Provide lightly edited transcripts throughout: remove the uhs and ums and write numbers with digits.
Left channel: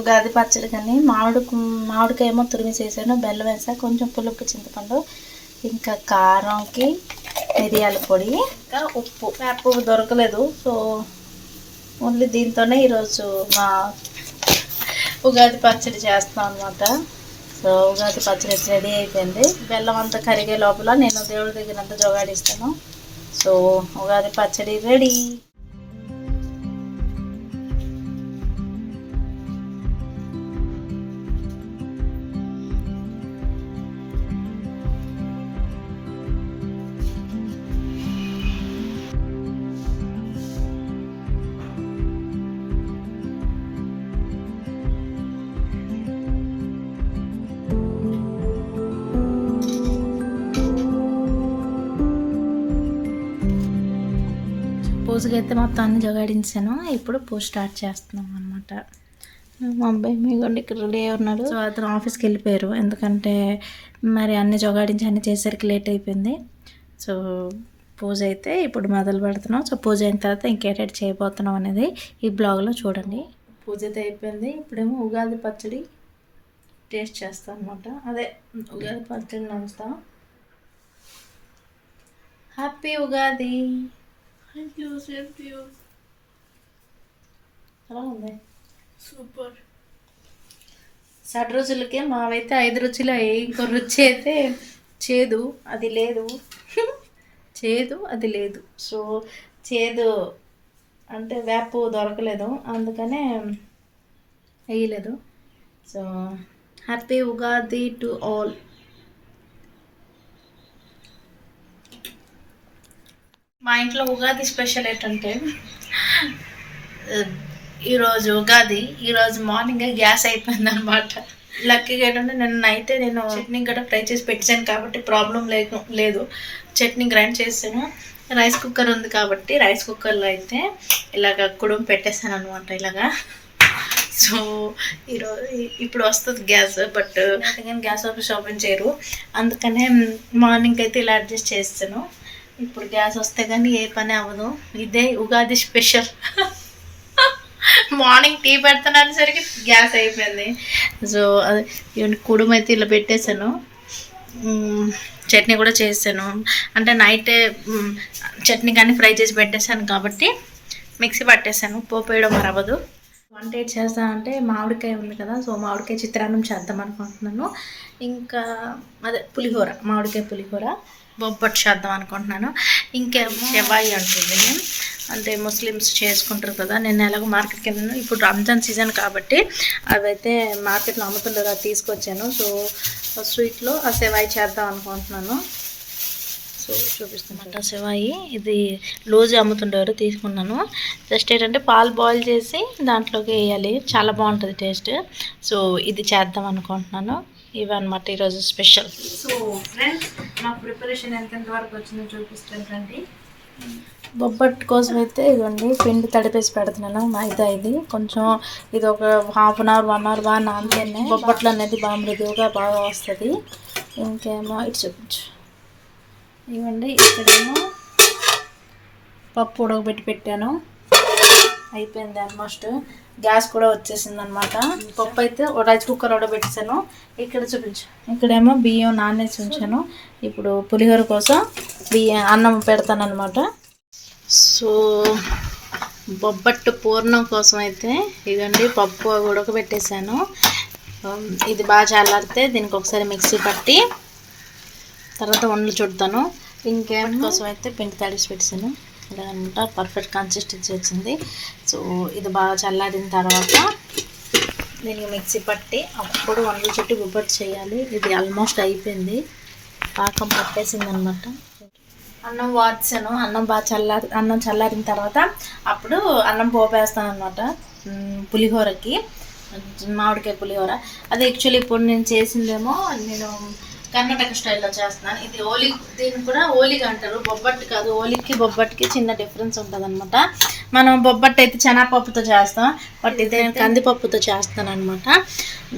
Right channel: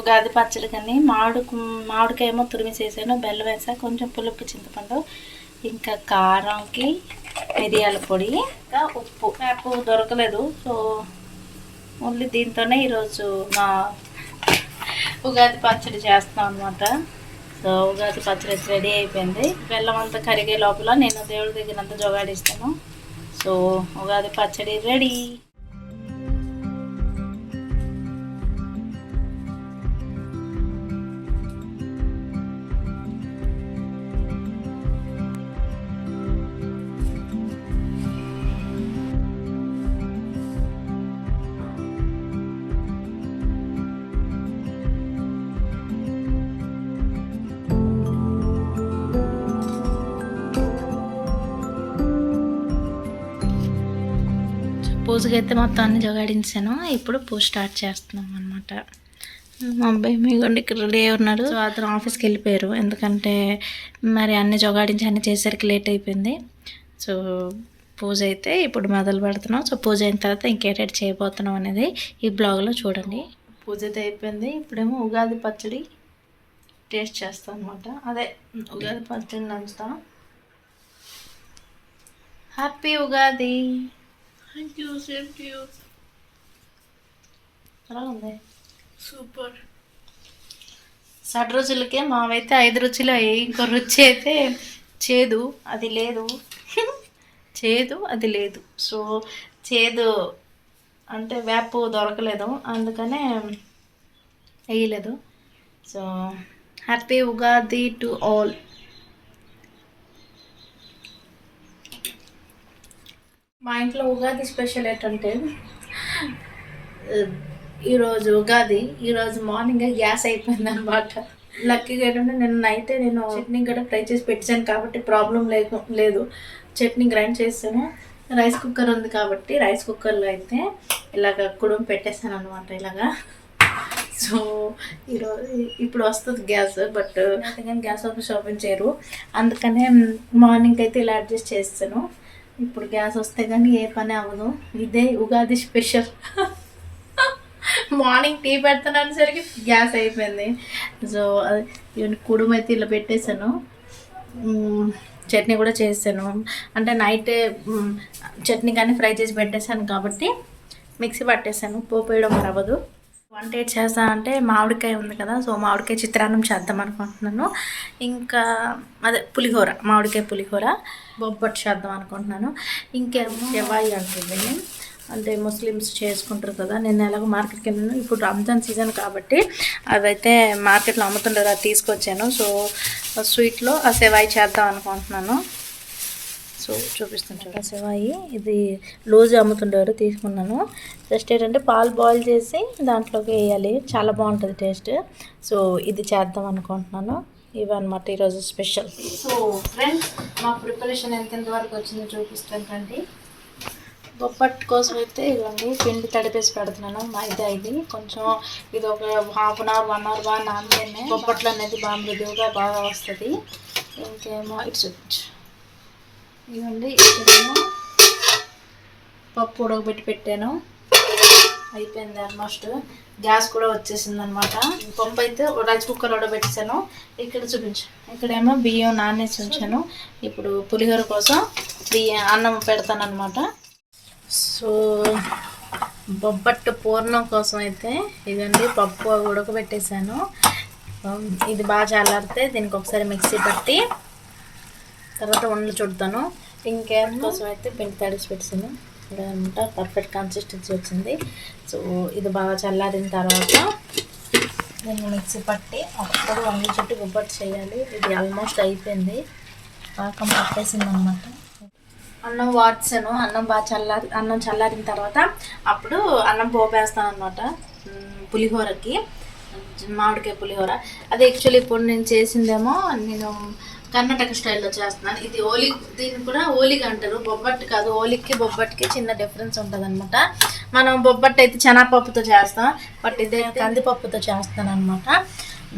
ఉగాది పచ్చడి కానీ మామిడికాయ తురిమేసేసాను, బెల్లం వేసా, కొంచెం పులుపుకి చింతపండు, ఇంకా కారంకి మిరియాల పొడి, ఇంకా ఉప్పు దొరకలేదు. సో ఓన్లీ దీంతోనే ఈరోజు మా ఉగాది పచ్చడి చేస్తాం అనమాట. సో ఉగాది పచ్చడి రెడీ అయిపోయింది. బెల్లం అంతా కరిగే లోపల నేను దేవుడి దగ్గరంతా జోగాడిస్తాను. సో ఉగాది పచ్చడి రెడీ. పూజకి అయితే మొత్తం అన్ని జోగాడించాను. ఇప్పుడు పూజ స్టార్ట్ చేస్తున్నాం అనమాట. మా అబ్బాయి మీగోండి ఇక్కడ రెడీ అయి ఉన్నాడు. సో అతను ఆఫీస్కి వెళ్ళిపోయారు, ఎందుకంటే మరి అన్ని జోగాడించి అన్ని చేసరికి లేట్ అయిపోయింది. సో పూజ అయితే ఇప్పుడు మొదలు పెడుతున్నాం. సో పూజ అయిన తర్వాత ఇంకేటెడ్ చేయబోతున్నాం అనేది ఈ బ్లాగ్లో చూడండి. పూజ అయితే అయిపోయింది. ఇప్పుడేమో ఉగాది పచ్చడి టేస్ట్ చేస్తాం అనమాట. అదే ఉగాది పచ్చడి నంచుతాం. Happy Ugadi. Thank you, same to you. ఎలా ఉంది? Super. 6 రోజులకే మావైతే 5 రుచులు అయ్యాయి. ఇంకో రుచి అయితే చేదు అది లేదు. చేదు అది లేదు. సో చేదు అంటే వేపు దొరకలేదు, అందుకనే వేయలేదు. So happy Ugadi to all. మా ఇంట్లో ఉగాది స్పెషల్ ఏంటంటే ఈరోజు ఉగాది, ఈరోజు మార్నింగ్ గ్యాస్ అయిపోయింది అనమాట. లక్కీగా ఏంటంటే నేను చట్నీ కూడా ఫ్రై చేసి పెట్టాను కాబట్టి ప్రాబ్లం లేదు. చట్నీ గ్రైండ్ చేసాను. రైస్ కుక్కర్ ఉంది కాబట్టి రైస్ కుక్కర్లో అయితే ఇలాగ కుడుము పెట్టేశాను అనమాట. ఇలాగా సో ఇప్పుడు వస్తుంది గ్యాస్, బట్ కానీ గ్యాస్ ఆఫీస్ ఓపెన్ చేయరు, అందుకనే మార్నింగ్ అయితే ఇలా అడ్జస్ట్ చేస్తాను. ఇప్పుడు గ్యాస్ వస్తే కానీ ఏ పని అవ్వదు. ఇదే ఉగాది స్పెషల్. మార్నింగ్ టీ పెడుతున్నసరికి గ్యాస్ అయిపోయింది. సో అది కుడుము అయితే ఇలా పెట్టేశాను. చట్నీ కూడా చేసాను, అంటే నైటే చట్నీ కానీ ఫ్రై చేసి పెట్టేశాను కాబట్టి మిక్సీ పట్టేశాను. పోపేయడం అవ్వదు. వంట ఏంటి చేస్తా అంటే మామిడికాయ ఉంది కదా, సో మామిడికాయ చిత్రాన్నం చేద్దాం అనుకుంటున్నాను. ఇంకా అదే పులిహోర, మామిడికాయ పులిహోర, బొబ్బట్టు చేద్దాం అనుకుంటున్నాను. ఇంకేమో షెవాయి అంటుంది, అంటే ముస్లిమ్స్ చేసుకుంటారు కదా. నేను ఎలాగో మార్కెట్కి వెళ్ళాను, ఇప్పుడు రంజాన్ సీజన్ కాబట్టి అవైతే మార్కెట్లో అమ్ముతుంటారు, అది తీసుకొచ్చాను. సో స్వీట్లో ఆ షెవాయి చేద్దాం అనుకుంటున్నాను. సో చూపిస్తుంటారు సెవాయి, ఇది లూజ్ అమ్ముతుంటారు, తీసుకున్నాను. జస్ట్ ఏంటంటే పాలు బాయిల్ చేసి దాంట్లోకి వేయాలి, చాలా బాగుంటుంది టేస్ట్. సో ఇది చేద్దాం అనుకుంటున్నాను. ఇవన్నమాట ఈరోజు స్పెషల్. సో ఫ్రెండ్స్, మా ప్రిపరేషన్ ఎంతెంత వరకు వచ్చిందో చూపిస్తాను రండి. బొబ్బట్టు కోసం అయితే ఇవ్వండి పిండి తడిపేసి పెడుతున్నాను. మైదా ఇది కొంచెం, ఇది ఒక హాఫ్ అన్ అవర్ 1 అవర్ బాగా నానితేనే బొబ్బట్లు అనేది బాగా మృదువుగా బాగా వస్తుంది. ఇంకేమో ఇటు చూపించు. ఇవ్వండి, ఇక్కడేమో పప్పు ఉడకబెట్టి పెట్టాను, అయిపోయింది ఆల్మోస్ట్. గ్యాస్ కూడా వచ్చేసింది అనమాట. పప్పు అయితే రైస్ కుక్కర్ ఉడకబెట్టేసాను. ఇక్కడ చూపించు, ఇక్కడేమో బియ్యం నానేసి ఉంచాను. ఇప్పుడు పులిహోర కోసం అన్నం పెడతాను అనమాట. సో బొబ్బట్టు పూర్ణం కోసం అయితే ఇదండి పప్పు ఉడకబెట్టేసాను. ఇది బాగా చల్లారితే దీనికి ఒకసారి మిక్సీ పట్టి తర్వాత వండలు చుడతాను. ఇంకేం కోసం అయితే పిండి తడిసి పెట్టాను అనమాట. పర్ఫెక్ట్ కన్సిస్టెన్సీ వచ్చింది. సో ఇది బాగా చల్లారిన తర్వాత దీన్ని మిక్సీ పట్టి అప్పుడు వండలు చుట్టి బొబ్బట్టు చేయాలి. ఇది ఆల్మోస్ట్ అయిపోయింది, పాకం పట్టేసింది అనమాట. అన్నం వాడ్చాను. అన్నం చల్లారిన తర్వాత అప్పుడు అన్నం పోపేస్తాను అనమాట పులిహోరకి, మామిడికాయ పులిహోర. అది యాక్చువల్లీ ఇప్పుడు నేను చేసిందేమో నేను కర్ణాటక స్టైల్లో చేస్తున్నాను. ఇది ఓలిగ్, దీన్ని కూడా ఓలిగ్ అంటారు, బొబ్బట్టు కాదు. ఓలిగ్కి బొబ్బట్టుకి చిన్న డిఫరెన్స్ ఉంటుంది అనమాట. మనం బొబ్బట్టు అయితే శనగపప్పుతో చేస్తాం, బట్ ఇదే కందిపప్పుతో చేస్తాను అనమాట.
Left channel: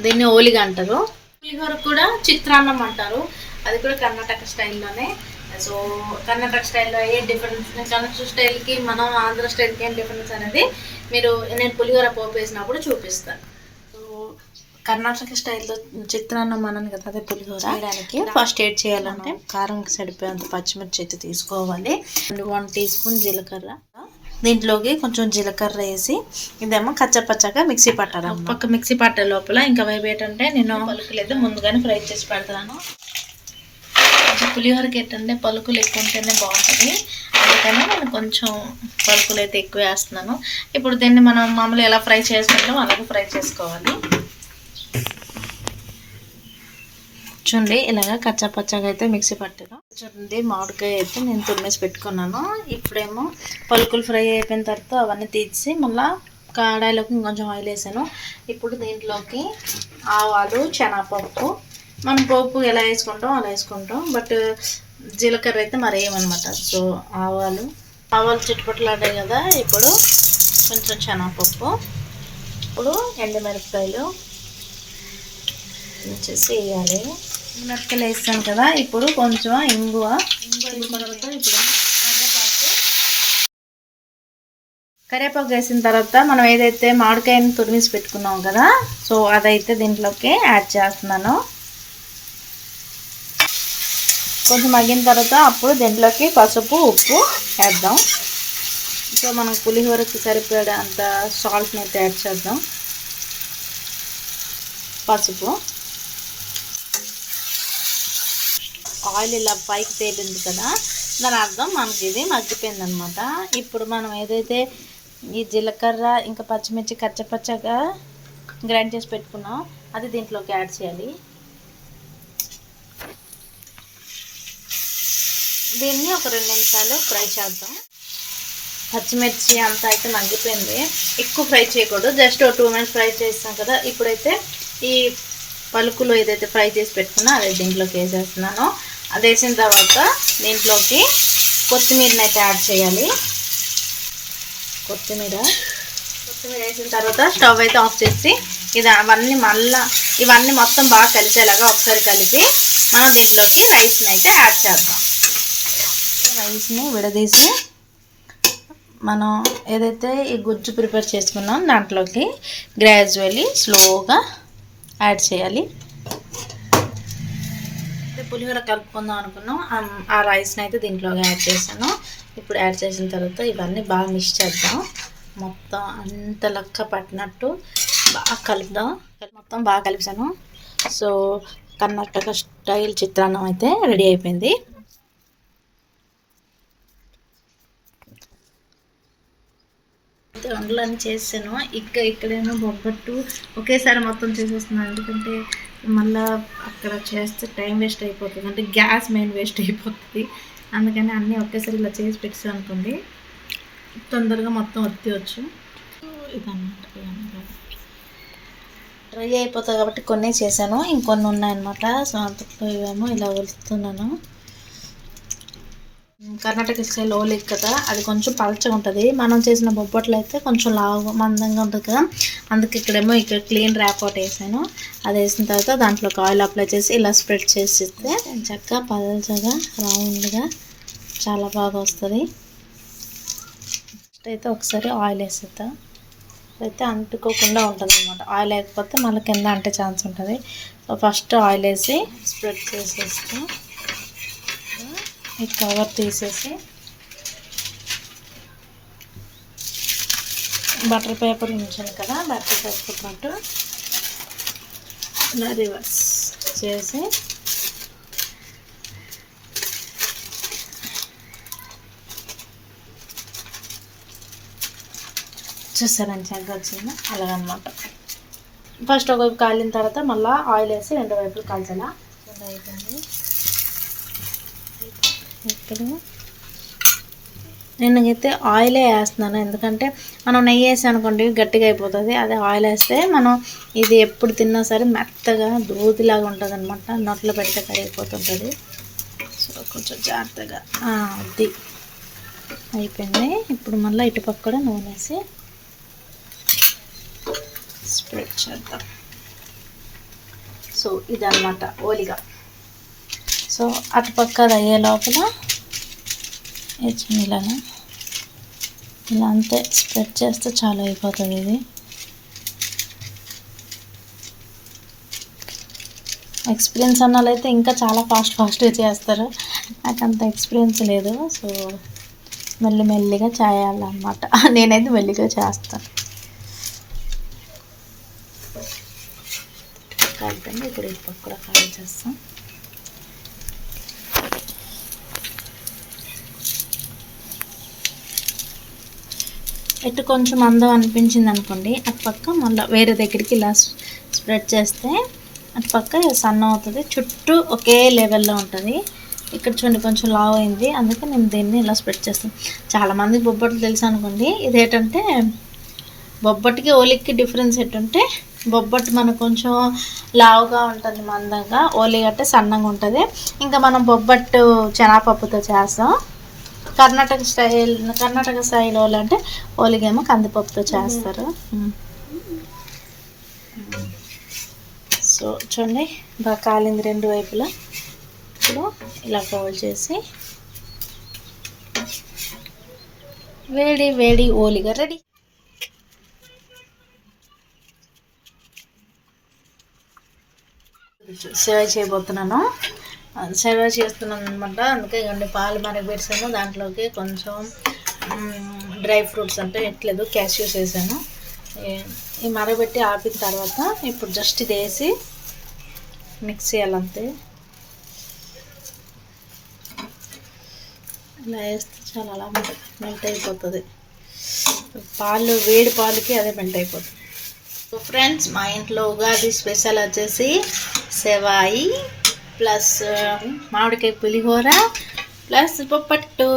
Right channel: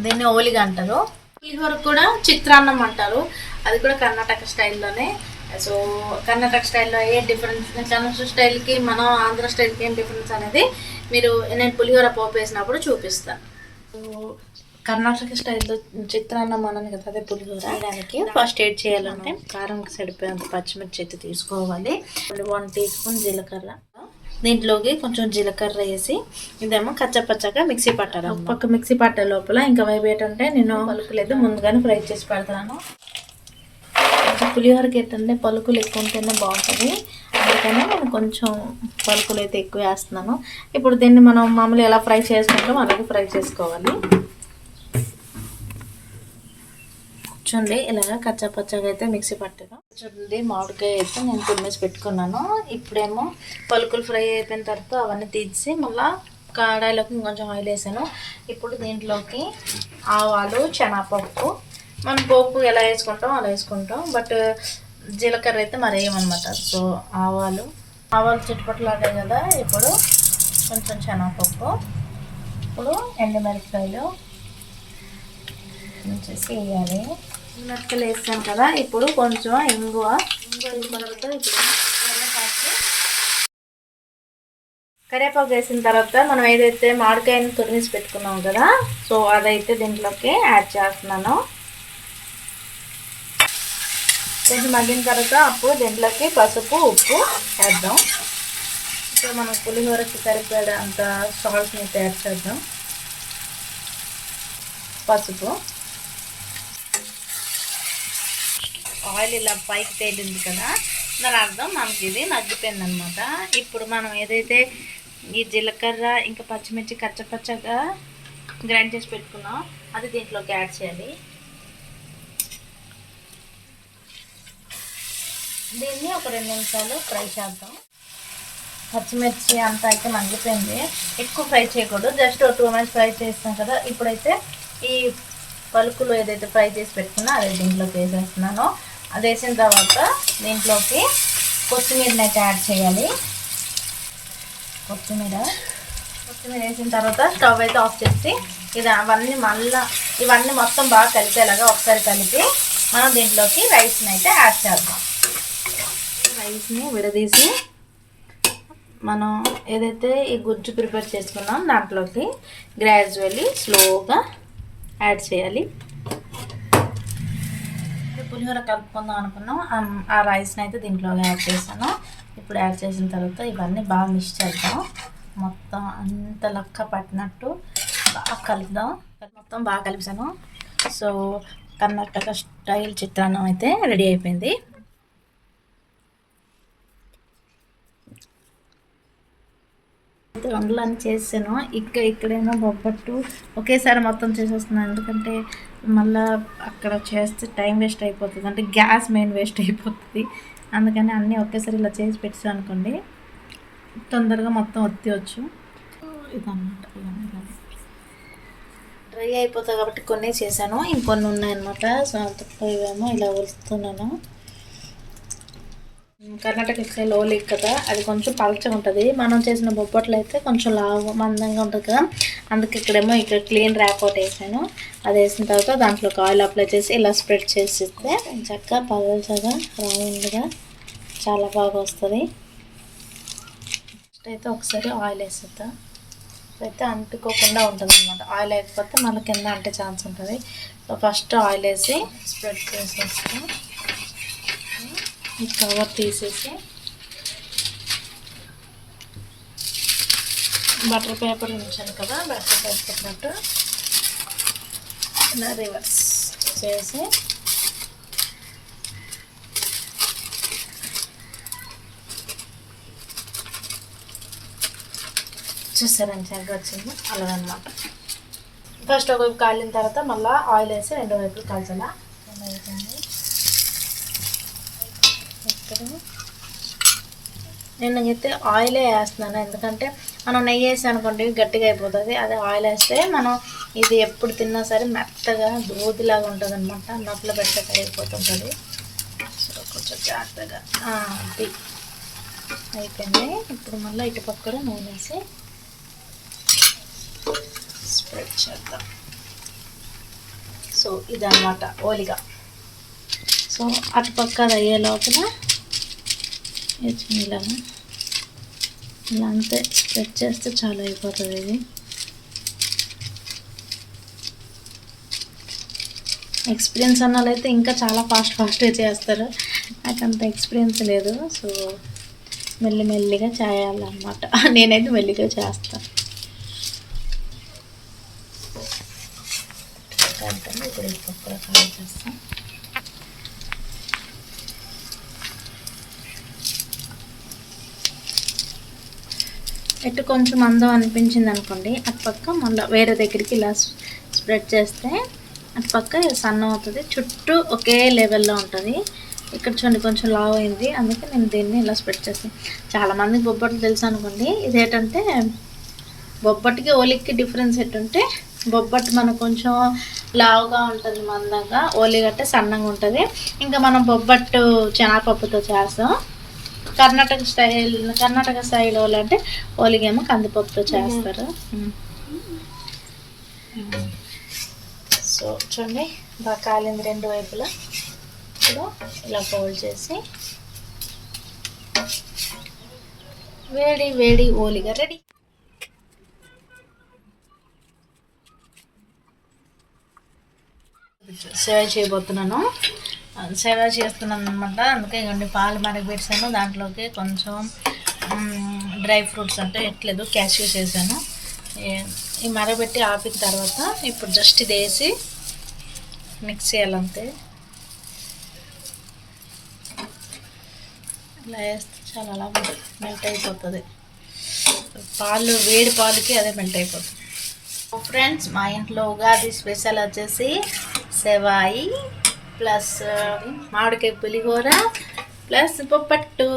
దీన్ని ఓలిగ్ అంటారు. పులిహోర కూడా చిత్రాన్నం అంటారు, అది కూడా కర్ణాటక స్టైల్లోనే. సో కర్ణాటక స్టైల్లో ఏ డిఫరెన్స్, కర్ణాటక స్టైల్కి మనం ఆంధ్ర స్టైల్కి ఏం డిఫరెన్స్ అనేది మీరు నేను పులిహోర పోపు వేసినప్పుడు చూపిస్తాను. కర్ణాటక స్టైల్లో చిత్రాన్నం అన్నాను కదా, అదే పులిహోర చేయడానికి ఫస్ట్ ఏడ్ చేయాలంటే కారంకి సరిపోయేంత పచ్చిమిర్చి అయితే తీసుకోవాలి. 1 టీ స్పూన్ జీలకర్ర, దీంట్లోకి కొంచెం జీలకర్ర వేసి ఇదేమో కచ్చపచ్చగా మిక్సీ పట్టాలి. ఒక పక్క మిక్సీ పట్టే లోపల ఇంకా వైపు ఏంటంటే నేను పలుకులేదు ముందుగానే ఫ్రై చేసి పెడతాను. పులిహోరకి ఏంటంటే పలుకులు ఎక్కువ ఉంటేనే బాగుంటుంది, అందుకని నేను కొంచెం పలుకులు అయితే ఎక్కువ వేస్తున్నాను. ఇప్పుడు దీన్ని మనం మామూలు ఎలా ఫ్రై చేసుకుంటామో అలాగే ఫ్రై చేసుకోవాలి. చూడండి ఇలాగా కచ్చాపచ్చాగా అయితే మిక్సీ పట్టాను. చూడండి మామిడికాయ అయితే నేను తురిమేసి పెట్టుకున్నాను. ఇప్పుడేమో పలుకులు ఫ్రై అయిపోయిన తర్వాత అవన్నీ తీసి మళ్ళీ కడాయిలోకి కొంచెం ఆయిల్ వేసాను. ఇప్పుడు దీంట్లోకి ఆవాలు, శనగపప్పు, మనం పోపు ఎలా వేసుకుంటాం అలా వేసుకుంటాం, బట్ జీలకర్ర అయితే మరి ఏమన్నమాట. సో ఆవాలు చిట్టుపట్లాడాయి కదా, ఇప్పుడు కొంచెం శనగపప్పు, ఇప్పుడు ఎండుమిరపకాయలు వచ్చేసి వేయాలి. మిరపకాయలు వేస్తాను కదా, ఇప్పుడు కొంచెం ఇంగువ తర్వాత ఇప్పుడు కరివేపాకు వేసిన తర్వాత మనం ఏదైతే మామిడికాయని తురిమేసి పెట్టుకున్నాం కదా, సో అదైతే దీంట్లోకి యాడ్ చేస్తున్నాను. కొంచెం మగ్గిన తర్వాత అప్పుడు దీంట్లోకి పసుపు, ఉప్పు వేద్దాం. సో మనం పులిహోరకి సరిపడే అంత సాల్ట్ని అయితే యాడ్ చేద్దాం. పసుపు, ఆయిల్ ఇలా పైకి తేలింది కదా, దాని అర్థం మనకి ఇది మగ్గిపోయింది అనమాట. ఇప్పుడు మనం ఏదైతే ఈ జీలకర్ర ఇంకా పచ్చిమిర్చి కచ్చపచ్చగా గ్రైండ్ చేసి పెట్టుకున్నాం అది దీంట్లోకి యాడ్ చేయాలి. దీన్ని ఒక 2 నిమిషాలు ఫ్రై చేద్దాం. పచ్చిమిర్చి అంతా అయితే మగ్గిపోయింది, ఎక్కువ ఫ్రై చేయకూడదు, జస్ట్ 2 మినిట్స్ ఫ్రై చేస్తాం కదా. ఇప్పుడైతే ఈ పలుకులు ఏదైతే ఫ్రై చేసి పెట్టుకున్నా అదే దీంట్లోకి వేసేస్తున్నాను. అది వేసిన తర్వాత దీంట్లోకి కొత్తిమీరని అయితే యాడ్ చేయాలి. కొత్తిమీర వేసిన తర్వాత స్టవ్ అయితే ఆఫ్ చేసి ఇవన్నీ మొత్తం బాగా కలిసేలాగా ఒకసారి కలిపి మనం దీంట్లోకి రైస్ని అయితే యాడ్ చేద్దాం. రైస్ని విడదీసి మనం ఏదైతే ఈ గుజ్జు ప్రిపేర్ చేసుకున్నాం దాంట్లోకి గ్రాడ్యువల్లీ స్లోగా యాడ్ చేయాలి. పులిహోర కలుపుకుందాం అనుకున్నాం, ఆ రైస్ని అయితే దీంట్లోకి యాడ్ చేశాను. ఇప్పుడు యాడ్ చేసిన తర్వాత ఇవన్నీ బాగా మిక్స్ చేద్దాం. మొత్తం అంత లెక్క పట్టినట్టు బాగా కలుపుదాం. మొత్తం బాగా కలిపాను. సో కర్ణాటక స్టైల్ చిత్రాన్నం అయితే రెడీ అయిపోయింది. వంటలన్నీ చేసాను. ఇక్కడేమో బొబ్బట్టు ఒకేసారి మొత్తం చేసేస్తున్నాను, ఎందుకంటే మళ్ళీ అక్కడ చేస్తే టైం వేస్ట్ అయిపోతుంది, అంటే గ్యాస్ మెయిన్ వేస్ట్ అయిపోతుంది. అందుకని అన్నీ ఒకేసారి ఇలా చేసి పెట్టాను అనుకోండి, తొందరగా మొత్తం వచ్చేయచ్చు. ఇదన్నమాట డ్రై అయిపోతుంది కాబట్టి కొన్ని చేశాను, ఇంకొన్ని ఉన్నాయన్నమాట. సో అంతట్లో ఇవేమో ఇలా వలుస్తున్నాను. కర్ణాటక స్టైల్ ఓలి కదా, అది కొంచెం పలచగా ఉంటుంది. మనం చేసిన బొబ్బట్లు అయితే కొంచెం లావుగా మందంగా ఉంటుంది కదా, అందుకే ఇక్కడ క్లీన్ ర్యాప్ అవుట్ వేసాను. అది వేసిన తర్వాత దాంట్లోకి ఆయిల్ అప్లై చేసి ఇలా స్ప్రెడ్ చేసిస్తే చక్కగా పలచగా రౌండ్గా చాలా బాగా వస్తుంది. ఫస్ట్ అయితే ఒకసారి ఆయిల్ వేసేద్దాం, అయితే అంటుకోకుండా ఉంటుంది అనమాట. ఆయిల్ వేయకపోతే మళ్ళీ కింద అంటే ఛాన్స్ ఉంటుంది. సో ఫస్ట్ ఆయిల్ వేసి స్ప్రెడ్ చేసేస్తాం. ఈ కవర్ తీసేసి బటర్ పేపర్ ఉంచాను కదా, బటర్ పేపర్ పట్టు ఇలా రివర్స్ చేసి చూసారని చక్కగా వచ్చింది అలా అనమాట. ఫస్ట్ ఒకవైపు కాలిన తర్వాత మళ్ళీ ఆయిల్ వేసి 2 వైపులు కాల్చాలా. అయిపోయింది. ఇప్పుడు నేనైతే ఆయిలే వేస్తున్నాను, ఎందుకంటే మనం నెయ్యి వేసి అనుకోండి గట్టిగా అయిపోతుంది. అదే ఆయిల్ వేస్తే మనం ఇది ఎప్పుడు తిన్నా సరే మెత్తగా దూదిలాగా ఉంటుంది అనమాట, నోట్లో పెడితే కరిగిపోతుంటుంది. సో కొంచెం జాగ్రత్తగా అది అయిపోయింది. ఇప్పుడు మళ్ళీ ఇటుపక్క కూడా నూనె వేసి స్ప్రెడ్ చేద్దాం. సో ఇదన్నమాట ఓలిగా. సో అటుపక్క అది అయ్యే లోపల ఇలాగా ఇలా అంతే స్ప్రెడ్ చేస్తే చాలా అయిపోతుంది ఇది. ఎక్స్పీరియన్స్ అన్న వాళ్ళైతే ఇంకా చాలా ఫాస్ట్గా చేస్తారు. నాకు అంత ఎక్స్పీరియన్స్ లేదు. సో మెల్లిగా చేయాలన్నమాట. నేనైతే మెల్లిగా చేస్తాను. ఇప్పుడు ఈ పక్కన ఫ్రై చేస్తాను. ఇటు కొంచెం అందం అనిపించింది అనుకోండి, అటు పక్క మళ్ళీ వేరే దగ్గరికి ఇలా స్ప్రెడ్ చేస్తే అటు పక్క సన్నం అవుతుంది, చుట్టూ ఒకే లెవెల్లో ఉంటుంది. ఇక్కడ చూడండి కొంచెం లావ్ అయింది, అందుకే నేను దీన్ని ఇలా స్ప్రెడ్ చేస్తాను. చాలామందికి బొబ్బట్లు తెలుసు అనుకోండి. ఇదేంటంటే బొబ్బట్టుకి ఓలికి డిఫరెన్స్ ఏంటంటే బొబ్బట్టు మనకు కొంచెం లావుగా ఉంటుంది మందంగా, ఓలి గట్టే సన్నంగా ఉంటుంది. ఇంకా మనం బొబ్బట్టు శనగపప్పుతో చేస్తాం. కర్ణాటక స్టైల్ ఓలి అంటే ఓలిగేమో కందిపప్పుతో చేస్తారు. సో చూడండి బాగా కాలింది రెండు వైపులా. ఇప్పుడు ఇలా ఫోల్డ్ చేసి వేడి ఓలిగా రెడీ. సేవ చేయబోతున్నాను. సేవ చేస్తున్నాను అనమాట. అందుకే ఇవన్నీ పాలు మరగబెట్టాను. దాంట్లోకి కొంచెం డ్రై ఫ్రూట్స్ అంటే ఎట్లేదు క్యాష్యూస్ వేసాను. ఈ మరగబెట్టి ఆపిన తర్వాత ఇప్పుడు జస్ట్ ఇది వేసి మిక్స్ చేయాలంతే. ఇలా వేస్తే చాలా అలా మెల్ట్ అయిపోతుంది. పాలు వేడి పాలకి అదే మెల్ట్ అయిపోతుంది. ఫ్రెండ్స్, మా ఇంట్లో ఉగాది స్పెషల్ వచ్చేసి సెవాయి ప్లస్ మామిడికాయ పులిహోర ప్లస్ బొప్పట్టు.